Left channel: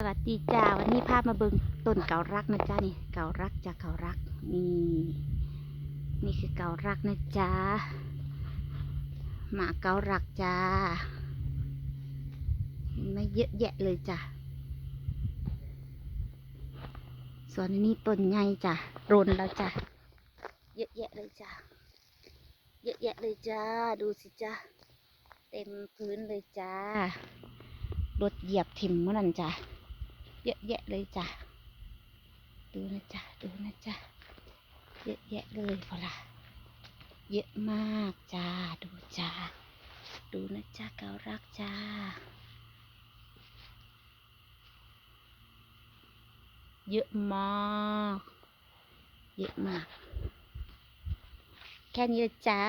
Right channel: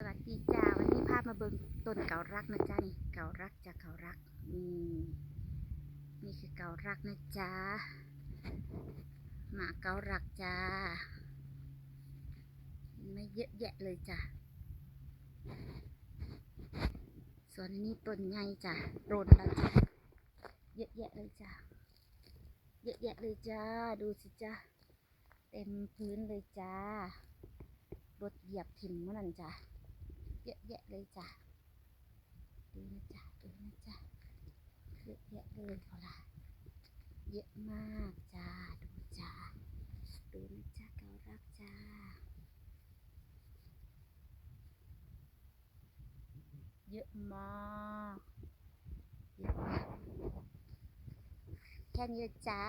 สวัสดีจ้าวันนี้พามาเบิงต้นเการักนะจ้านี่เการักจ้าเการักนี่นี่คือเการักนะจ้าหมาเการักจ้าเห็นไหมเยอะแยะเลยจ้าส่วนนี้ต้นใหญ่จ้ะรนแล้วจ้ะเยอะแยะเลยจ้าเยอะแยะเลยจ้าดูสิจ้าเต็มพื้นเลยจ้ารถเหยียบถิ่มเมื่อนั้นจ้ะ เยอะแยะเลยจ้ะ ดูนะจ๊ะดูนะจ๊ะเยอะแยะเลยพอละเยอะมากจ้า ดูจ้า ดูนะจ๊ะเการักจ้าเยอะมาก เยอะมาก แค่นี้ลยจ้า